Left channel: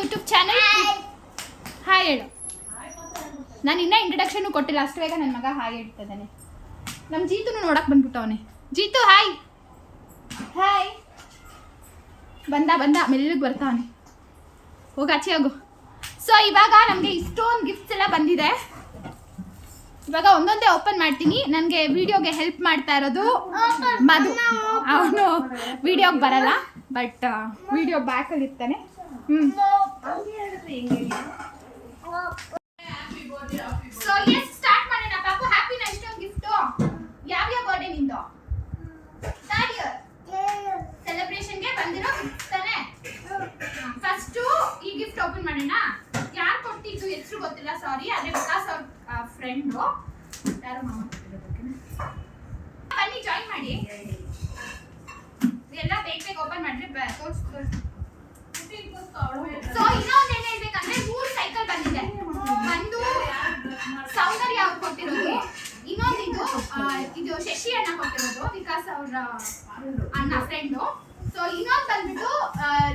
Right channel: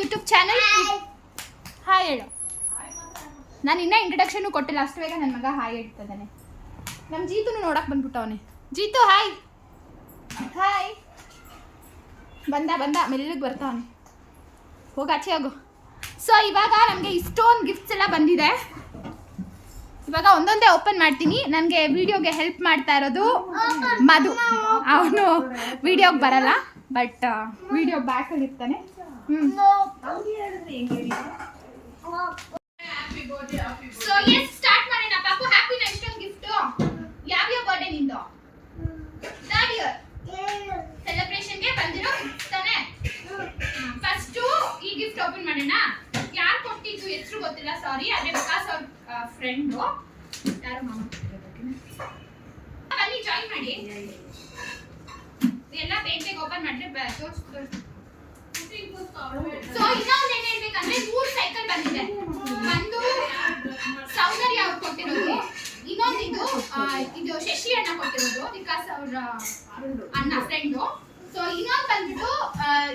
YouTube channel. Hi ಹೇಳು. ನಾನು ಇನ್ನೂ ಇಂಟ್ರಡಕ್ಷನ್ ಕೊಟ್ಟಿಲ್ಲ, ಅಷ್ಟು ಬೇಗ ನನ್ನ ಮಗ ಹಾಯ್ ಹೇಳ್ತಿದ್ದಾನೆ. ನಮ್ಮ ಜೀತು ನೋಡಕ್ಕೆ ಬಂದ್ಬಿಟ್ಟವನೆ. ಜೀತು ಹಾಯ್. ಹಾಯ್. ಬಂದ ಮೆಲ್ಲಿಗೆ ಬರ್ತಾವನೆ. ಹೋಗಿ ಆಚೆ ಆಗು. ಸೊ ಇವಾಗ ನಮಗೆ ಇಷ್ಟೊಂದು ಗಿಫ್ಟ್ಸ್ ಎಲ್ಲ ಬಂದಿದೆ. ಇವಾಗ ಒಂದೊಂದೇ ಓಪನ್ ಮಾಡ್ತೀನಿ. ನನಗೆ ವಿಡಿಯೋಗೆ ಹೆಲ್ಪ್ ಮಾಡ್ತಾ ಇರೋದು ಮಧು. ಅವನು ವಿಡಿಯೋಗೆ ಬರಲ್ಲ, ಬಟ್ ವಿಡಿಯೋ ಬ್ಯಾಕಲ್ಲಿ ಇರ್ತಾನೆ. ಸೊ ಎಸ್ ಸ್ಟಾರ್ಟ್ ಮಾಡೋಣ ಪಾಪು. ಹ್ಯಾಪಿನ ಇಷ್ಟೊಂದು ಗಿಫ್ಟು. ಯಾವ್ಯಾವ ಬರ್ಡೇ ನಿಂದು? ಥರ್ಡ್ ಇಯರ್ ಸೆಲೆಬ್ರೇಷನ್ಗೆ ಬಂದಿರೋ ಗಿಫ್ಟ್ ತಾನೆ. ಫಸ್ಟು ಈ ಗಿಫ್ಟ್ ಓಪನ್ ಮಾಡೋಣ. ಯಾರು ಕೊಟ್ಟಿದ್ದು ಹೆಸರು ಗೊತ್ತಿಲ್ಲ, ಸಾರಿ. ಅದೇ ವಿಕಾಸ್ ಅವ್ರ ಫ್ರೆಂಡು ಯಾರೋ ಮಾಮ. ಬನ್ನಿ ಜಾಯಿನ್ ಮಾಡಿ. ಎಲ್ಲ ಬೇಗ ಓಪನ್ ಮಾಡಿದ್ರೆ ಸೊ ಇನ್ನೊಂದು ಏನ್ ಹೇಳ್ಬೇಕಂದ್ರೆ 3 ಸೈಕಲ್ ಬಂದಿದೆ. ಒಂದು ಸೌಂದರ್ಯ ಅವ್ರು ಕೊಟ್ಟಿರೋದು, ಇನ್ನೊಂದು ಇದು ಶಶಿ ಅಣ್ಣ ಕೊಟ್ಟಿರೋದು, ವಿಕಾಸ್ ಅವರ ಅಣ್ಣ ಫ್ರೆಂಡು. ಸೊ ಇನ್ನೊಂದು ಬಂದ್ಬಿಟ್ಟು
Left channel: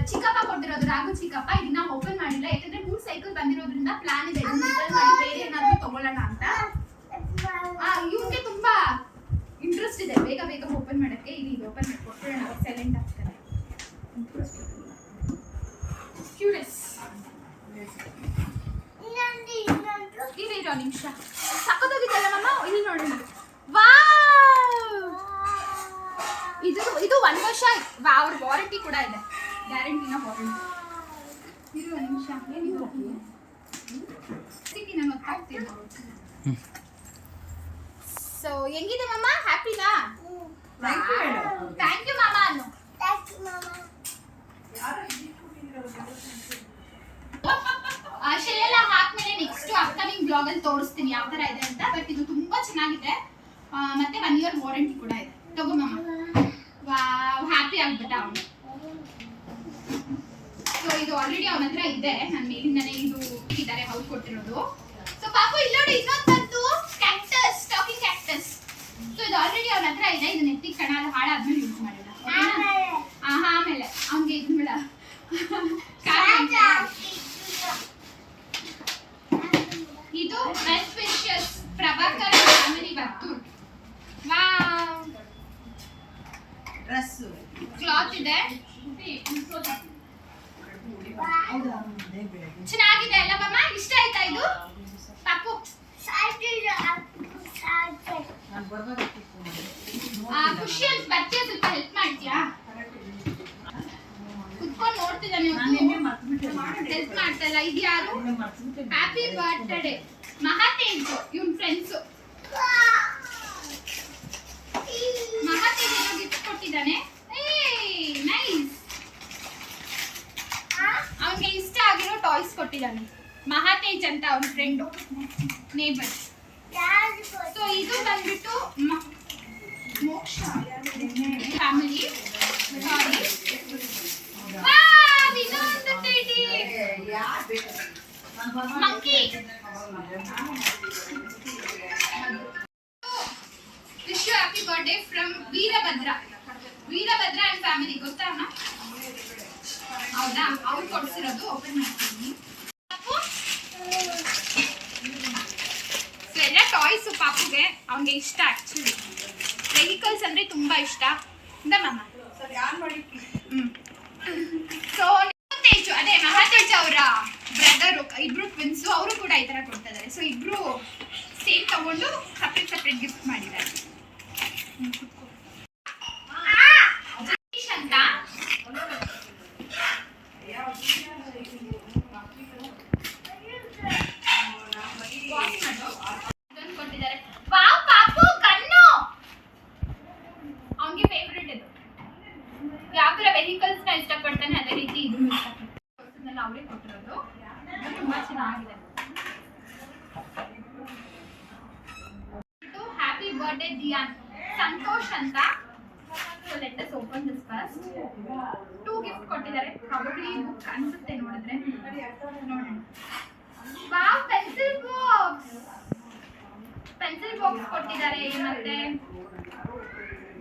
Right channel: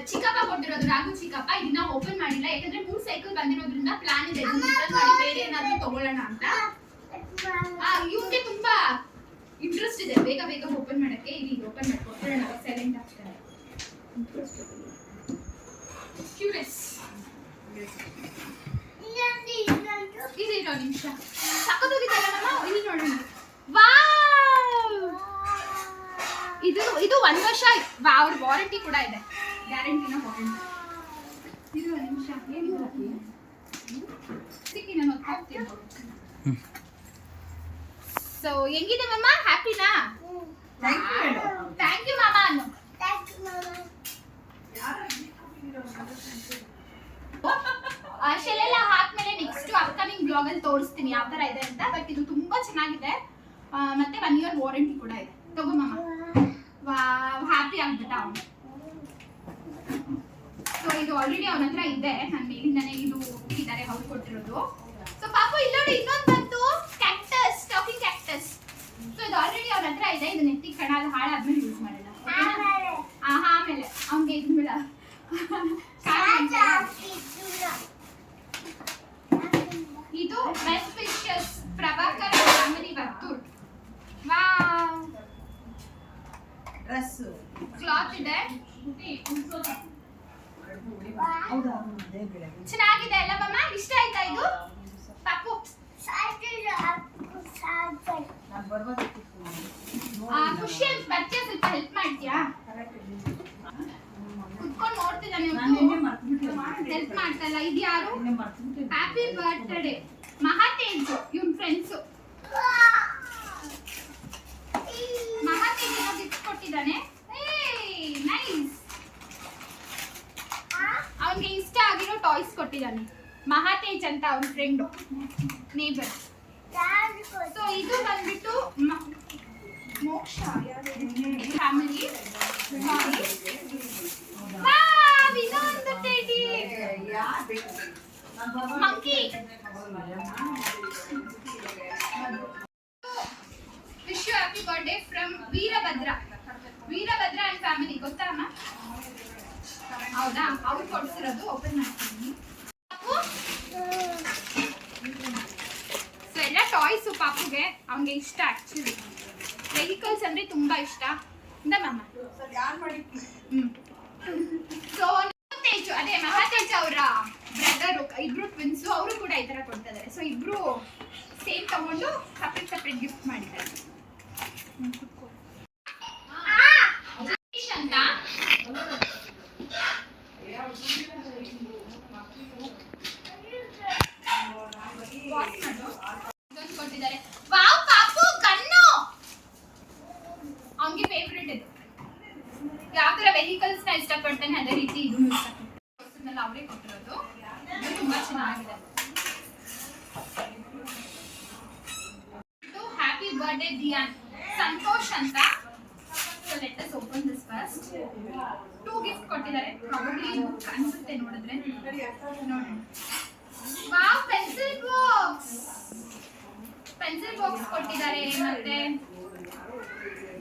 ಚಿಕ್ಕಪ್ಪ ಕೊಟ್ಟಿರೋದು, ರಾಘು ಚಿಕ್ಕಪ್ಪ. ಇದನ್ನ ಓಪನ್ ಮಾಡಿಲ್ಲ ಯಾಕಂದ್ರೆ 3 ಸೈಕಲ್ ಬಂದಿರೋದ್ರಿಂದ ಪ್ಲಾನ್ ಇದೆ ಬೇರೆ ಏನಾದ್ರು ತಗೊಳ್ಳೋಣ ಅಂತ. ಇವ್ರಿಗೆ ತುಂಬಾ ಇಂಟ್ರೆಸ್ಟ್ ಇದೆ ಬೇಗ ಓಪನ್ ಮಾಡಕ್ಕೆ. ಈಗ ಓಪನ್ ಮಾಡ್ಕೊಡ್ಕೊಳ್ಳೋಣ, ಸೈಲೆಂಟ್ ಆಗ್ತಾರೆ. ಕ್ಯೂರಿಯಸ್ ಇರೋ ನಿಮಿಷ. ಸಕ್ಕತ್ತೋಗಿದ್ದಲ್ಲ ಮಮ್ಮ, ಇಲ್ಲಿ ನೋಡೋಣ. ವಾವ್, ಇದು 1 ವರ್ಷ ಅವ್ರ ವಾರಂಟಿ ಕೂಡ ಇದೆ. ಗ್ಯಾರಂಟಿನ ವಾರಂಟಿ. ಇರುವ ನಿಮಿಷ. ಏನಿದೆ ಸಿಕ್ಕಿ ನಾನು ಗೊತ್ತಾಗ್ತೀನಿ. ಸೊ ಹೆಂಗಿದೆ ಮಮ್ಮ? ಹ್ಯಾಪಿನಾ? ಥ್ಯಾಂಕ್ ಯು ಮಾಮ ಅನ್ನು. ಶೆಲ್ಲೆಲ್ಲ ಹಾಕ್ಮೇಲೆ ನೆಕ್ಸ್ಟ್ ಅಪ್ಕಮಿಂಗ್ ಬ್ಲಾಗ್ ಅಲ್ಲಿ ತೋರಿಸ್ತೀನಿ ಯಾವ ತರ ಇದೆ ಅಂತ. ಬಟ್ ಇದು ತುಂಬಾ ಚೆನ್ನಾಗಿದೆ, ಮತ್ತೆ 1 ಇಯರ್ ವಾರಂಟಿ ಕೂಡ ಇದೆ. ತಗೋ ಮಮ್ಮ. ಹ್ಯಾಪಿ ಆಗ್ಬಿಟ್ಟ ಅವನು. ಸೊ ಇದು ಆಲ್ರೆಡಿ ಅವನ ಹತ್ರ ಇದೆ, ನನ್ನ ಮೇಲಿಂದಾನೆ ಇದು ಇದ್ದಾರೆ ಅವ್ರು ಕೊಟ್ಟಿರೋದು. ಸೊ ಪಾಪು ಇಲ್ಲಿ ನೋಡಿ, ಇನ್ನೊಂದು ಬಂತು ಕ್ಯಾಕ್ಟಸ್, ಟಾಕಿಂಗ್ ಕ್ಯಾಕ್ಟಸ್. ಸೊ ಇದು ಆಲ್ರೆಡಿ ಅವನ ಹತ್ರ ಇದೆ. ಇದು ನೆತ್ತಿ ಕಣ ಹಾಳಾದ್ಮೇಲೆ ಯೂಸ್ ಮಾಡೋಣ. ಆಮೇಲೆ ಅವನಿಗೆ ಇದು ಬಿಡ. ಇದು best wishes Prabhakar family Varthur. Wow, dress cloth ಇದೆ, ಚೆನ್ನಾಗಿದೆ ಅಲ್ಲ ಮಮ್ಮ? ಇಷ್ಟ ಆಯ್ತಾ ಇದು ಪಾಪು? ಖುಷಿ ಅಂತ ಬರ್ತೀಯ? ಸ್ವಲ್ಪ ಹೆಲ್ಪ್ ಮಾಡ್ತೀಯಾ? ಕುತ್ಕೊಂಡು ನೋಡ್ತಿದ್ದಾನೆ, ಹೆಲ್ಪ್ ಮಾಡ್ತಲ್ಲ. ಇದು ಯಾರು? ಹ್ಯಾಪಿ ಬರ್ತ್ಡೇ ಮಹಾತೇಜ್, ಇವನ್ ಫ್ರೆಂಡ್ಸು. ಮಹಾತೇಜ್ ಏನೋ ಗಿಫ್ಟ್ ಕೊಟ್ಟಿದ್ದಾನೆ. ನೈಸ್. ಅವನಿಗೆ ಇಷ್ಟ ಆಗಿರೋ ಟಾಯ್ಸ್ ಕೊಟ್ಟಿದ್ದಾನೆ ಮಹಾತೇಜ್ ಅಂತ, ಅವನ ಫ್ರೆಂಡು, ನೇಬರ್. ಸೊ ಇದು ಬಂದ್ಬಿಟ್ಟು ಮೋಕ್ಷ ಫ್ಯಾಮಿಲಿ. ಇನ್ನೊಂದು teddy monkey. Wish you happy birthday from Veerabhadra and family. ಗೊತ್ತಾ ಅಮ್ಮ? ಹೌದಾ? ಅವ್ರು ಕೊಡ್ಸಿರೋದು. ಓಪನ್ ಮಾಡ್ತೀನಿ. ಸೊ ಎಲ್ಲ ಟಾಯ್ಸು ಪಾಪುಗೆ, ಅವನಿಗೆ ಇಷ್ಟ. ಆಕ್ಚುಲಿ ವೆಹಿಕಲ್ಸ್ ಅಂದ್ರೆ ತುಂಬಾ ಇಷ್ಟ. ಮಮ್ಮ ಸೊ ತೇಜು, ಅದೇ ಮಹಾತೇಜ್ ಅವರ ಬ್ರದರು, ಇಬ್ರು ಟ್ವಿನ್ಸು. ಅವರು ಕೂಡ ಈ ತರ ಕೊಡ್ತಾ ಇದ್ದಾರೆ. ಸೊ ಇಬ್ರು ಸೇಮ್ ತಗೊಂಡು ಸಪ್ರೇಟ್ ಗಿಫ್ಟ್ ಮಾಡಿದ್ದಾರೆ. ಅಂತ ಕೊಟ್ಟಿದ್ದಾರೆ. ವಾವ್ ಪಾಪು ಕಣ್ಣು, ಅವನಿಗೆ ಫೇವ್ರೆಟ್ ಇದು. ಯಾವ ತರ ವೆಹಿಕಲ್ಸ್ ನ ಇಷ್ಟಪಡ್ತಾನೆ ಅದೇ ರೀತಿ ಇದು ಇಷ್ಟಪಡ್ತಾನೆ. ಅವರೇ ಕೊಟ್ಟಿರೋದು, ತುಂಬಾ ಚೆನ್ನಾಗಿದೆ. ಹ್ಯಾಪಿ ಬರ್ತ್ಡೇ ದಿಯಾನ್, ಸಂತೋಷ್ ಅಂತ. So let us open this first. 2 gift ಕೊಟ್ಟಿದ್ದಾರೆ. ಪ್ರಾಬಬ್ಲಿ ಬುಕ್ ಅನ್ಸುತ್ತೆ ನೋಡಿದ್ರೆ. ನೋಡೋಣ. ವಾವ್, ಪೆನ್ಸಿಲ್ ಬಾಕ್ಸ್ ಕೊಟ್ಟಿದ್ದಾರೆ. ಮತ್ತೆ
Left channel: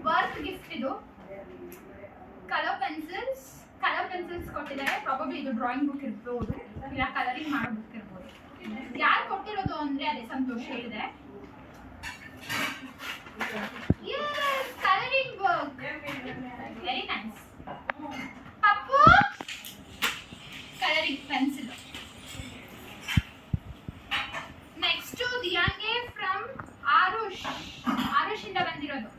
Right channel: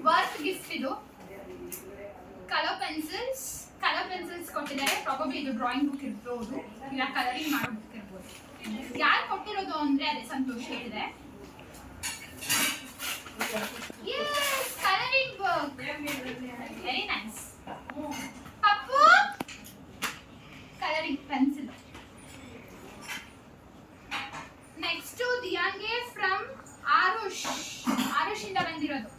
ವರ್ಕ್ ಗಿಫ್ಟ್ ಇದು. ಕಲರ್ ಪೆನ್ಸಿಲ್ಸ್ ಕೊಟ್ಟಿದ್ದಾರೆ. ಕೊಟ್ಟಿದ್ದಾರೆ. ಪ್ರಾಬಬ್ಲಿ ಇದು ಡ್ರಾಯಿಂಗ್ ಬುಕ್ ಇರ್ಬೋದು, ಇಲ್ಲ ಕಲರಿಂಗ್ ಮಾಡೋ ಬುಕ್ ಇರ್ಬೋದು. ಯಾರು ಕೊಟ್ಟಿರೋದು ಅಂದ್ರೆ ಅದೇ ಸಂತೋಷ್ ಹೇಳಿದೆ. Yes, coloring book. Very nice. Pappu, coloring pencil. Next to Diyange from Arush. Arush ಇಂದ ಬಂದಿರೋದು.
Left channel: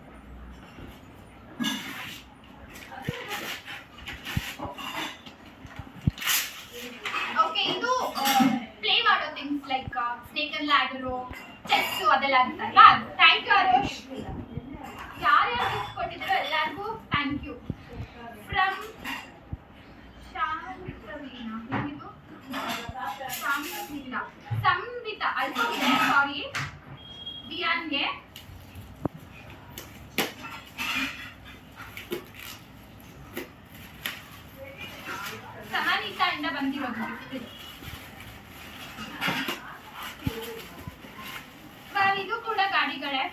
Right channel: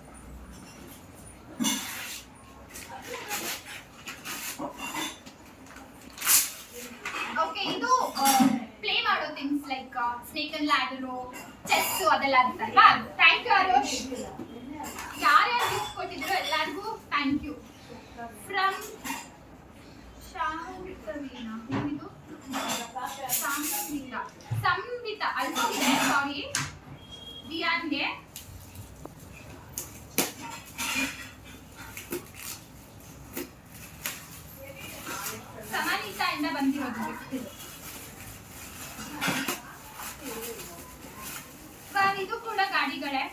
Okay, ಇದು ಪ್ಲೇ ಮಾಡೋ things like snake and ladder, chess ಅದೆಲ್ಲ ಇರುತ್ತಲ್ವಾ. Thank you Aarush. ಯಾರ್ಯಾರು ಗಿಫ್ಟ್ ಕೊಟ್ಟಿದ್ರು ಎಲ್ಲರಿಗೂ ಥ್ಯಾಂಕ್ ಯು. ಫ್ರಮ್ ಶಾಂತವೀನಾ, ಏನಿದು ಸಂವಿತ ಅಲ್ಕೋಗಿದೆ, ಸಾರಿ. ದಿಯಾನ್ಗೆ ಸಮನಿತಾ ಇಂದ ಬಂದಿರೋದು ಗಿಫ್ಟ್ ಇದು. ಇದು ಕೂಡ ಗಾಡಿಗಳೇ.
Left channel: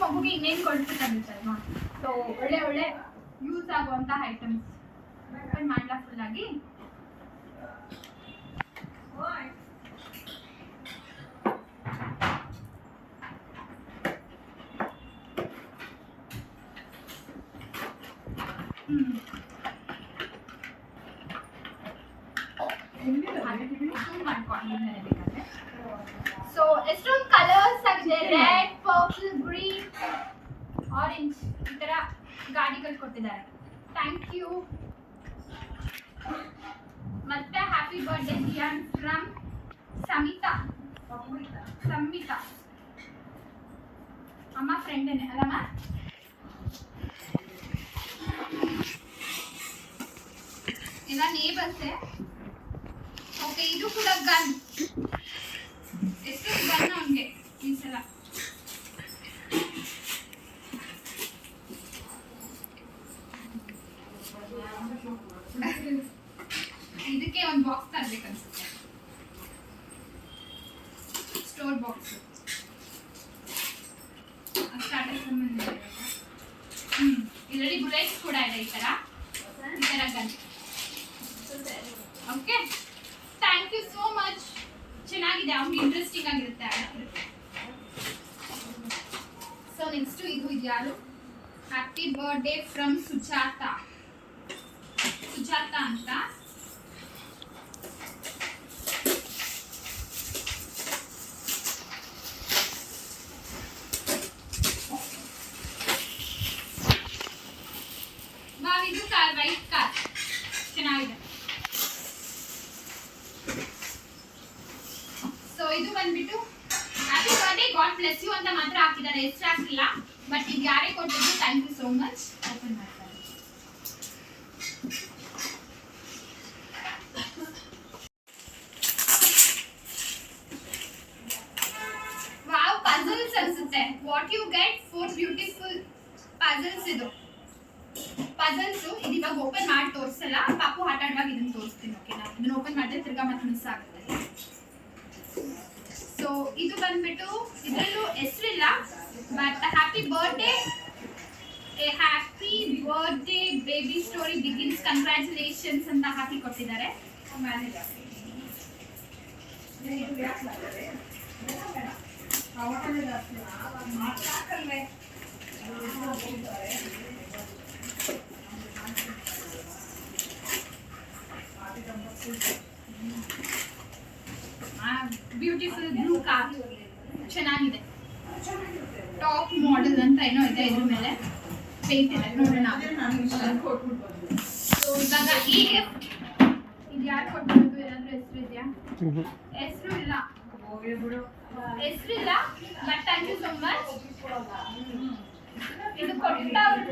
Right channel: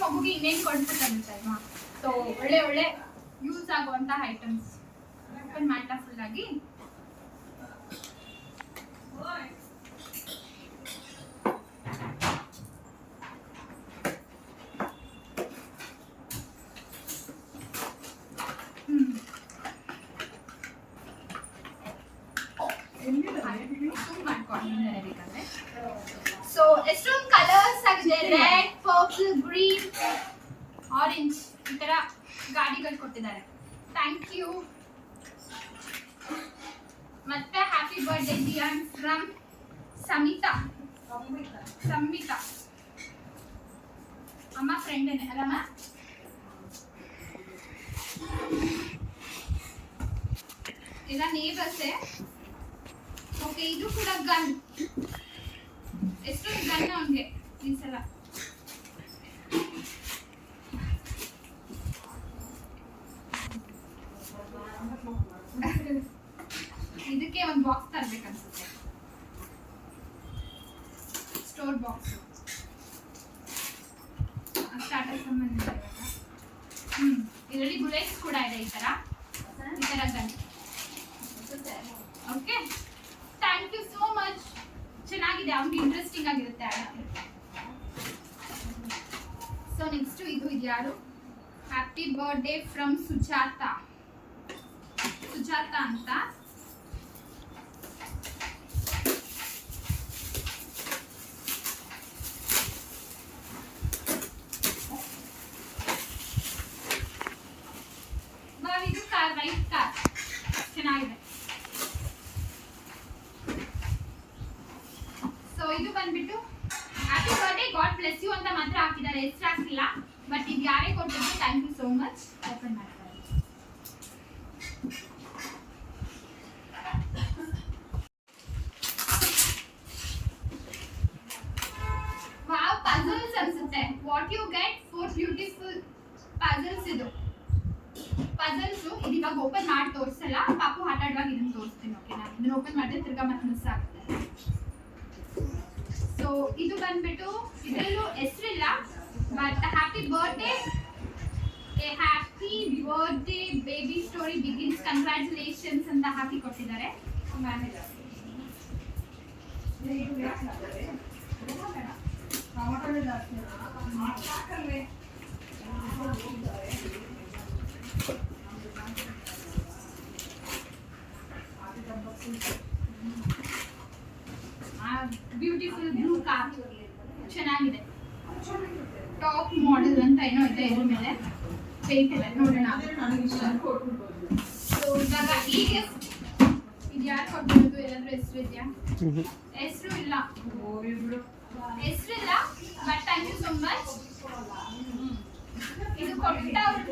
ಮಗುಗೆ ಇನ್ನೇನು ಕೊಡ್ಬೇಕಂತಲ್ವಾ, ಸೊ ಒಳ್ಳೆ ಒಳ್ಳೆ ಯೂಸ್ ಆಗುವಂತ ಐಟಮ್ಸ್ ಓಪನ್ ಮಾಡ್ಲಾ ಫುಲ್ ಆಗಿ. ಸೊ ಎಷ್ಟೊಂದು ಕಲರ್ಸ್ ಆಗಿದೆ, ರೆಡ್, ಪರ್ಪಲ್, ಗ್ರೀನ್, ಆರೆಂಜ್, ಈ ತರ ಗಾಡಿಗಳು ಕೊಟ್ಟಿದ್ದಾರೆ. Thank you. ಮತ್ತೆ happy birthday Diyan from Samita. ಅಮ್ಮ ಫ್ರೆಂಡೇನೆ ಅಲ್ಲಮ್ಮ. ಎಲ್ಲ ನೇಬರ್ಸೇ. ಓಕೆ, ಇದು ಕೂಡ ಗನ್. ಎಷ್ಟು ಗನ್ ಅವನಿಗೆ ಈ ಸಲ. ಇದಕ್ಕೆ ಒಂದು ಬಾಕ್ಸ್ ತರ್ಬೇಕನ್ಸುತ್ತೆ, ಸ್ಟೋರ್ ಬಾಕ್ಸ್. ಸ್ಟಾರ್ಟರ್ ಸಂಬಂಧ ಇದರಲ್ಲಿ ಬುಲೆಟ್ಸ್ ಕೂಡ ಇದೆ, ಈ ತರ gun. Okay, thank you so much. ಚೆನ್ನಾಗಿದೆ, ಅವ್ನಿಗೆ ಇಂಟ್ರೆಸ್ಟಿಂಗ್ ಆಗಿರುತ್ತೆ. ಸೊ ನೆಕ್ಸ್ಟ್ ಇದು ಯಾರು, ಹ್ಯಾಪಿ ಬರ್ತ್ಡೇ ಫ್ರಮ್ ಸುಜಾತ ಅಂತ. ಇದು ಕಾರ್, ವೈಟ್ ಕಾರ್, ಚೆನ್ನಾಗಿದೆ. ಸೊ ಇದು ಬಂದ್ಬಿಟ್ಟು happy birthday, god bless you ಅಂತ ಮಾತ್ರ ಹಾಕಿದ್ದಾರೆ, ಎಷ್ಟು ಹಾಕಿಲ್ಲ. ಬಟ್ ಇದು ಯಾರೇ ಕೊಟ್ಟಿದ್ರು thank you so much. Open ಮಾಡ್ತಾರೆ. ವಾವ್, ಪಜಲ್ಸ್ ಅನ್ಸುತ್ತೆ. What you get 4 beautiful puzzles. ಇದು ಪಜಲ್ಸ್. ಇದು ಇವಾಗ ಓಪನ್ ಮಾಡಿ ತೋರಿಸಲ್ಲ, ಪಾಪು ಆಟ ಆಡುವಾಗ ಇದನ್ನ ತೋರಿಸ್ತೀನಿ. ಓಕೆ, ನಾನು ಇದನ್ನ ಓಪನ್ ಮಾಡಿದ್ರೆ ತಿರ್ಗಾ ಮತ್ತೆ ಮಿಸ್ ಆಗುತ್ತೆ. ಸೊ ಇದು ಬಂದ್ಬಿಟ್ಟು ಇದರಲ್ಲೂ ಹೆಸರಿಲ್ಲ, but happy birthday, a happy birthday baby story begins, congratulations ಅಂತ ಹಾಕಿ ಕೊಟ್ಟಿದ್ದಾರೆ. ಬ್ಯೂಟಿಫುಲ್ ಬ್ಲೂ ಕಾರ್, ಚೆನ್ನಾಗಿದೆ. ಟಾಪ್ ಮಾಡೆಲ್ ಅಂತ ಏನೋ ಇದೆ, ಇದ್ರ ಮೇಲೆ ಪೇಂಟ್ ಇದೆ, ನೋಡೋಣ. ಸೊ ಇವಾಗ ಈ ಗಿಫ್ಟ್ ಇದು ಯಾರು ಕೊಟ್ಟಿರೋದು, ಏನಾದರೂ ಹೆಸರು ಇದೆಯಾ? ಹೆಸರು ಇಲ್ಲ, but thank you so much. ಇದು ಕೊಟ್ಟವ್ರು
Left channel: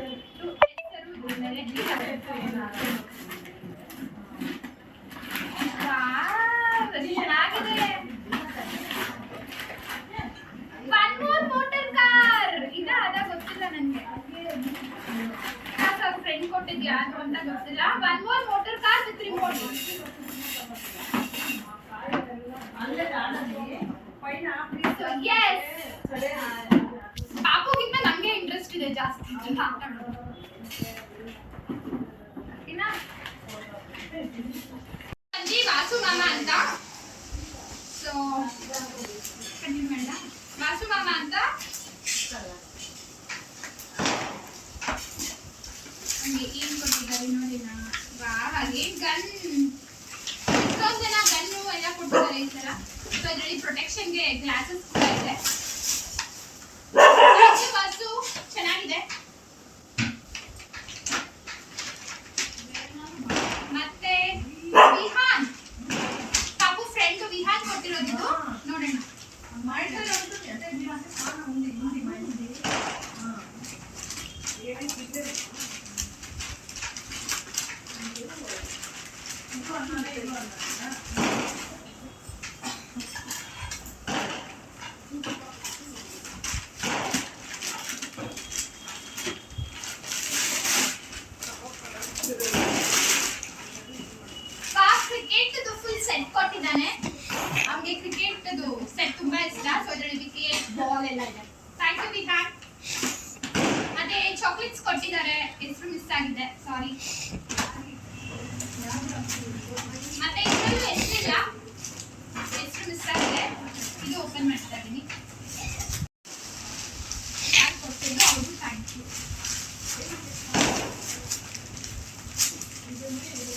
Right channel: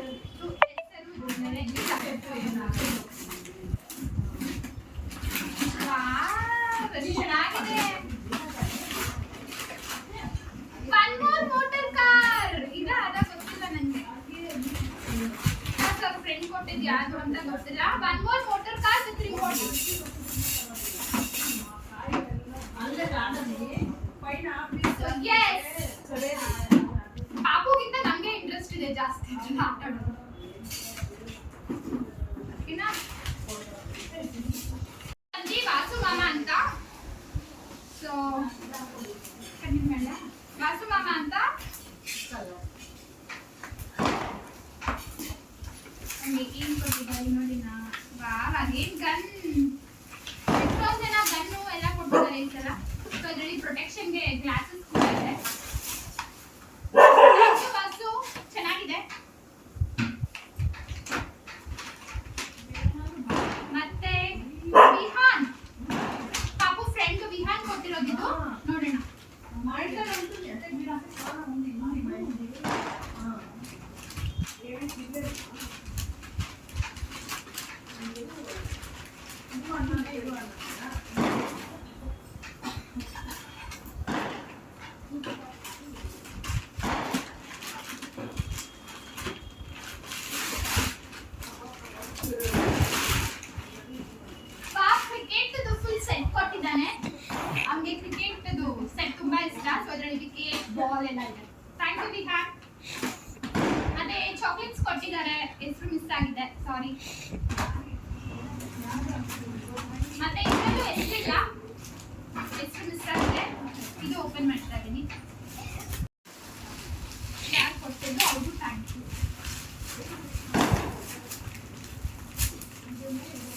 ಚೆನ್ನಾಗಿದೆ. One more motor car. ಅದ ಗೊತ್ತಿಲ್ಲ ನನಗೆ, ಫ್ರೆಂಡ್ ಕೊಟ್ಟಿದ್ದು ಯಾರು ಅಂತ ಗೊತ್ತಿಲ್ಲ. One more motor car with remote. ಪಾಪುಗಿಂತ ನಮ್ಗೆ ಇಂಟ್ರೆಸ್ಟ್ ಇದೆ ಜಾಸ್ತಿ ಜನ ಆಟ ಆಡೋದು. ಇನ್ನ ಅಜ್ಜಿ ವಾಸು ಮಾಮ ಅಂತ, ಸೊ ಕಂಟಿನ್ಯೂ ಮಾಡ. ವಾಸು ಮಾಮ ಅಂತ ಹಂಗೆ ಏನ್ ಕೊಟ್ಟಿದ್ದಾರೆ ನೋಡಿ ನಾ. ವಾ ಹಾಗೆ ಗನ್, ಎಷ್ಟೊಂದು ಜನ ಗನ್ನು ಎಲ್ಲ ಕೊಟ್ಟಿದ್ದಾರೆ ಈ ತರ. ಸೊ ಇದರಲ್ಲಿ ಪ್ರೊಟೆಕ್ಷನ್ಗೆ ಗ್ಲಾಸಸ್ ಕೂಡ ಇದೆ. ವಾಸು ಚೆನ್ನಾಗಿದೆ. ಮತ್ತೆ ವಿಹಾನ್, ಪಾಪು ಫ್ರೆಂಡ್ ವಿಹಾನ್ ಕೊಟ್ಟಿರೋದಿದು ನೋಡೋಣ. ಅವನಿಗೆ ಕ್ರಿಕೆಟ್ ಸೆಟ್ ತುಂಬಾ ಇಷ್ಟ. ಸೊ ಇದರಲ್ಲಿ ವಿಕೆಟ್ ಬಾಲ್ ಎಲ್ಲ ಇದೆ. Thank you Vihan. ಅದೇ ಚಾಕ್ಲೇಟ್ಸ್ ಕೊಟ್ಟಿದ್ದಾರೆ, ಹೆಸರು ಮಿಸ್ ಆಗಿದೆ, ಸಾರಿ. ಮತ್ತೆ ಇದರಲ್ಲೂ ಹೆಸರಿಲ್ಲ, ಹೆಸರು ಮಿಸ್ ಆಗಿದೆ. ಇದು ಓಪನ್ ಮಾಡ್ತಾ ಇದ್ದೀನಿ. ಯಾರು ಕೊಟ್ಟಿದ್ದು ಅವ್ರಿಗೂ thank you.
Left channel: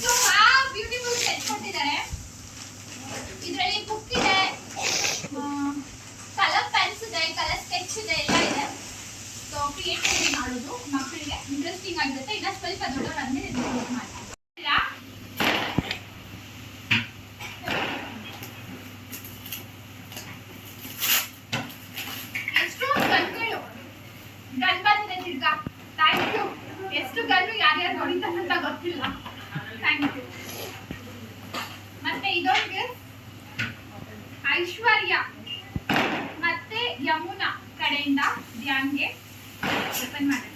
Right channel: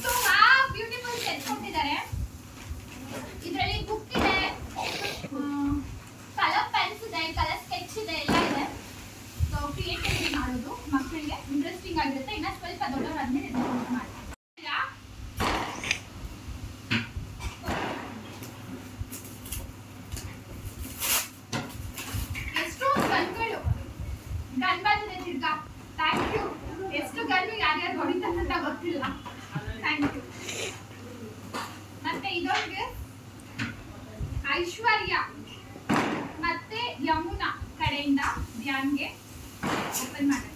So beautiful set ಕೊಟ್ಟಿದ್ದಾರೆ. ಇದರಲ್ಲಿ ಬುಕ್ ಇದೆ, ಕಲರ್ ಪೆನ್ಸ್ ಇದೆ, ಕಲರ್ ಸ್ಕೆಚ್ ಇದೆ, ಎಲ್ಲ ಇದೆ. ಸೊ ಕ್ರಿಯೇಟಿವಿಟಿ ಮಾಡೋದು ಮಕ್ಕಳಿಗೆ ಇಂಟ್ರೆಸ್ಟಿಂಗ್ ಆಗಿರುತ್ತೆ. ಇನ್ನ ಸ್ವಲ್ಪ ದೊಡ್ಡವರಾದ್ಮೇಲೆ ಯೂಸ್ ಮಾಡಿ. ಎಷ್ಟು ಗನ್ಗಳು, ಗನ್ ಬಂದಿದೆ ತಿರ್ಗಾ. Thank you. ಎಷ್ಟು ಗನ್ನು ಯಾರ್ಯಾರು ಹೊಡಿತಾರೆ ಅಂತ ಗೊತ್ತಿಲ್ಲ. Thank you. ಮತ್ತೆ ಇದೊಂದು ಐಶ್ವರ್ಯ ಮತ್ತೆ ಯಮುನಾ ಕಡೆಯಿಂದ ಧ್ಯಾನ್ಗೆ ಓಪನ್ ಮಾಡುತ್ತೆ.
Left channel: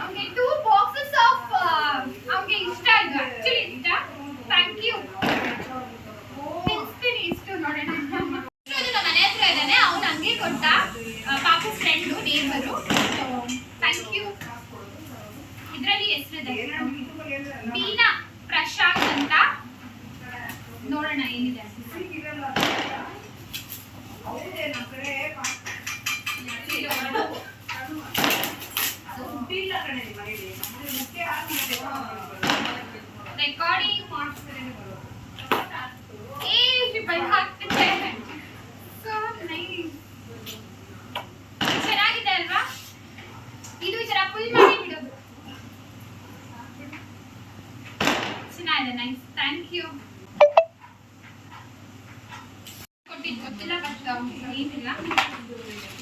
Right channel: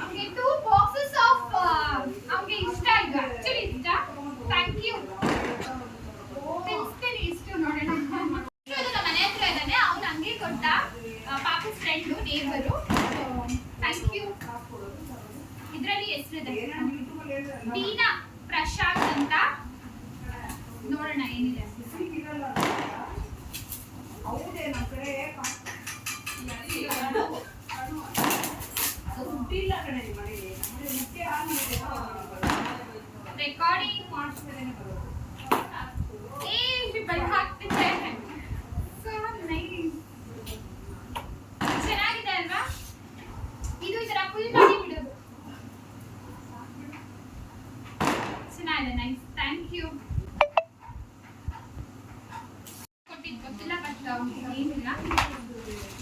ಅವನಿಗೆ 2 ಬಾಕ್ಸಸ್ ಆಫ್ ಅವನಿಗೆ ಇಷ್ಟ ಇದು ಆಕ್ಚುಲಿ ಇಷ್ಟ. Thank you. ತಿನ್ಸ್ತೀನಿ ಇಷ್ಟು ನೋಡೋಣ. ಮನೆ ಹತ್ರ ಇದ್ದಾನೆ, ಅವನು ಹಂಗೆ ಕೊಟ್ಟ, ಪಾಪು ಫ್ರೆಂಡು ನೇಬರು. Thank you. ಇದರಲ್ಲಿ ಹೆಸರಿದೆ ಬೀನಾ ಪ್ರಶಾಂತ್ ಅಂತ. ನೋಡೋಣ ಏನಿದೆ. ರೆಕಾರ್ಡಿಂಗ್ ಮಾಡ್ತಾರೆ. ಹಾಕ್ತಿದ್ದೆ. ಚೆನ್ನಾಗಿದೆ ಅಲ್ವಾ? ಇದು ಈ ತರ ಫುಲ್ ಮಾಡಿ ಬಿಡೋದು ಚೆನ್ನಾಗಿದೆ. ನೈಸ್. Thank you. ಕೊಟ್ಟಿದ್ದು ಗೊತ್ತಿಲ್ಲ, ಬಟ್ ಏನಿಲ್ಲ.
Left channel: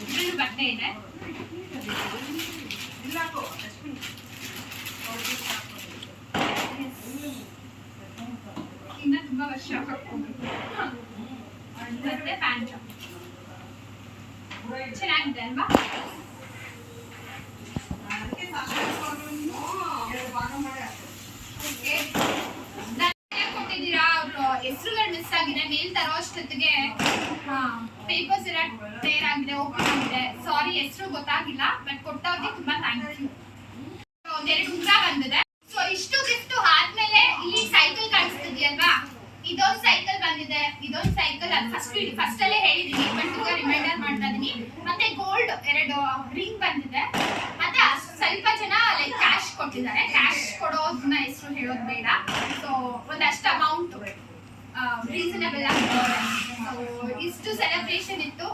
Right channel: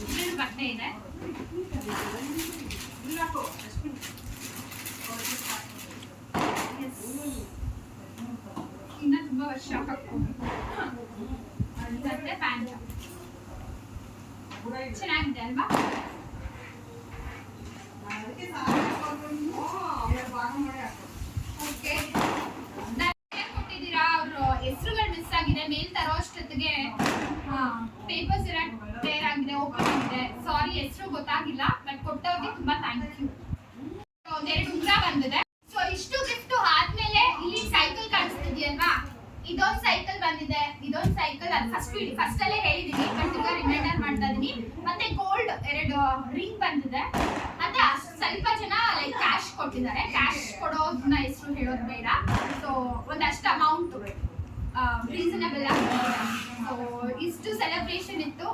ಇದ್ರಲ್ಲಿ ಬಟ್ಟೆ ಇದೆ. ಇನ್ನ ತುಂಬಾ ವರ್ಷ ಹಾಕ್ಬೋದು. ಮತ್ತೆ ಪ್ಯಾಂಟ್ ಚೆನ್ನಾಗಿದೆ ಅಲ್ವಾ? ಓಕೆ, ಕೊಟ್ಟಿದ್ದೀರಾ. ಅವರು ಹೆಸರುಗಳು ಮಿಸ್ ಆಗಿದೆ. ಮೇಲ್ ತರೋ ಅಷ್ಟೊತ್ತಿಗೆ ಪೇಪರ್ಸ್ ಎಲ್ಲ ಟೇರ್ ಆಗಿದೆ, ಓಪನ್ ಆಗಿದೆ. ಸಾರಿ, ಹೆಸರು ಗೊತ್ತಾಗಿಲ್ಲ, ಬಟ್ ಕೊಟ್ಟವ್ರಿಗೆ ತುಂಬಾ ಥ್ಯಾಂಕ್ ಯು. ಒಂದೆರಡು ಉಂಗ್ರ ಬಂದಿದೆ. ಸೊ ಇಷ್ಟು ಗಿಫ್ಟ್ ಆದ್ಮೇಲೆ ಇಲ್ಲಿ ಸೈಕಲ್ ಕಾಣಿಸ್ತಿದ್ಯಲ್ವಾ, ಇದೊಂದು ಸೈಕಲ್ ಬಂದಿದೆ. ಇದೊಂದು ಸೈಕಲ್ ಅದು ಫಸ್ಟ್ ಅಲ್ಲೇ ಹೇಳಿದೀನಿ, ಬಟ್ ಈಗ ರಿಮೈಂಡರ್ ಮಾಡ್ತಾ ಇದೀನಿ. ಮತ್ತೆ ಗೋಲ್ಡ್ 2 ರಿಂಗ್ ಬಂದಿದೆ. ಮತ್ತೆ ಸ್ವಲ್ಪ ಜನ ಲೈಕ್ ಕ್ಯಾಶ್ ಕೊಟ್ಟಿದ್ದಾರೆ. ಕ್ಯಾಶ್ ಕೊಡೋದನ್ನ ಹೆಸರು ಹೇಳೋದು ಬೇಡ. ಸೊ ಒಂದಷ್ಟು ಅಮೌಂಟ್ ರೀಸನಬಲ್ ಆಗಿರುತ್ತೆ. ಸೊ ಇಷ್ಟು ಸೆಲೆಬ್ರೇಷನ್ ಇತ್ತು.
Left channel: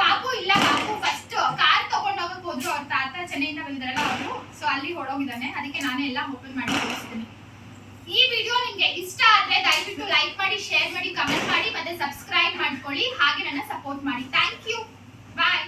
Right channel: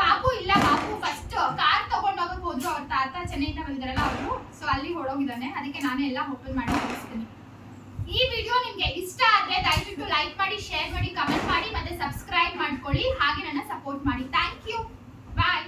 ಪಾಪು ಇಲ್ಲ, ಪಾಪು ಫಸ್ಟ್ ಕಾರ್ ತಗೊಂಡೋಗಕ್ ಹೋದ್ರು. ಅವ್ರ ತಾತ ಚೆನ್ನೈಯಿಂದ ಬಂದಿದ್ದಾರಲ್ಲ ಅವರು, ಸೊ ಅಲ್ಲಿ ಹೊಡೋಗಿದ್ದಾನೆ. ಅದಕ್ಕೆ ನಾನೇ ಎಲ್ಲ ಓಪನ್ ಮಾಡಿ ತೋರಿಸ್ತೀನಿ. ಈ ವಿಡಿಯೋ ನಿಮಗೆ ಇಷ್ಟ ಆದ್ರೆ ದಯವಿಟ್ಟು ಲೈಕ್ ಮಾಡಿ, ಶೇರ್ ಮಾಡಿ, ಕಮೆಂಟ್ ಮಾಡಿ, ಮತ್ತೆ ಸಬ್ಸ್ಕ್ರೈಬ್ ಮಾಡ್ಕೊಳ್ಳಿ. ಹಾಗೆ ನನ್ನ ಸಪೋರ್ಟ್ ಮಾಡಿ. Thank you. ಬಾಯ್.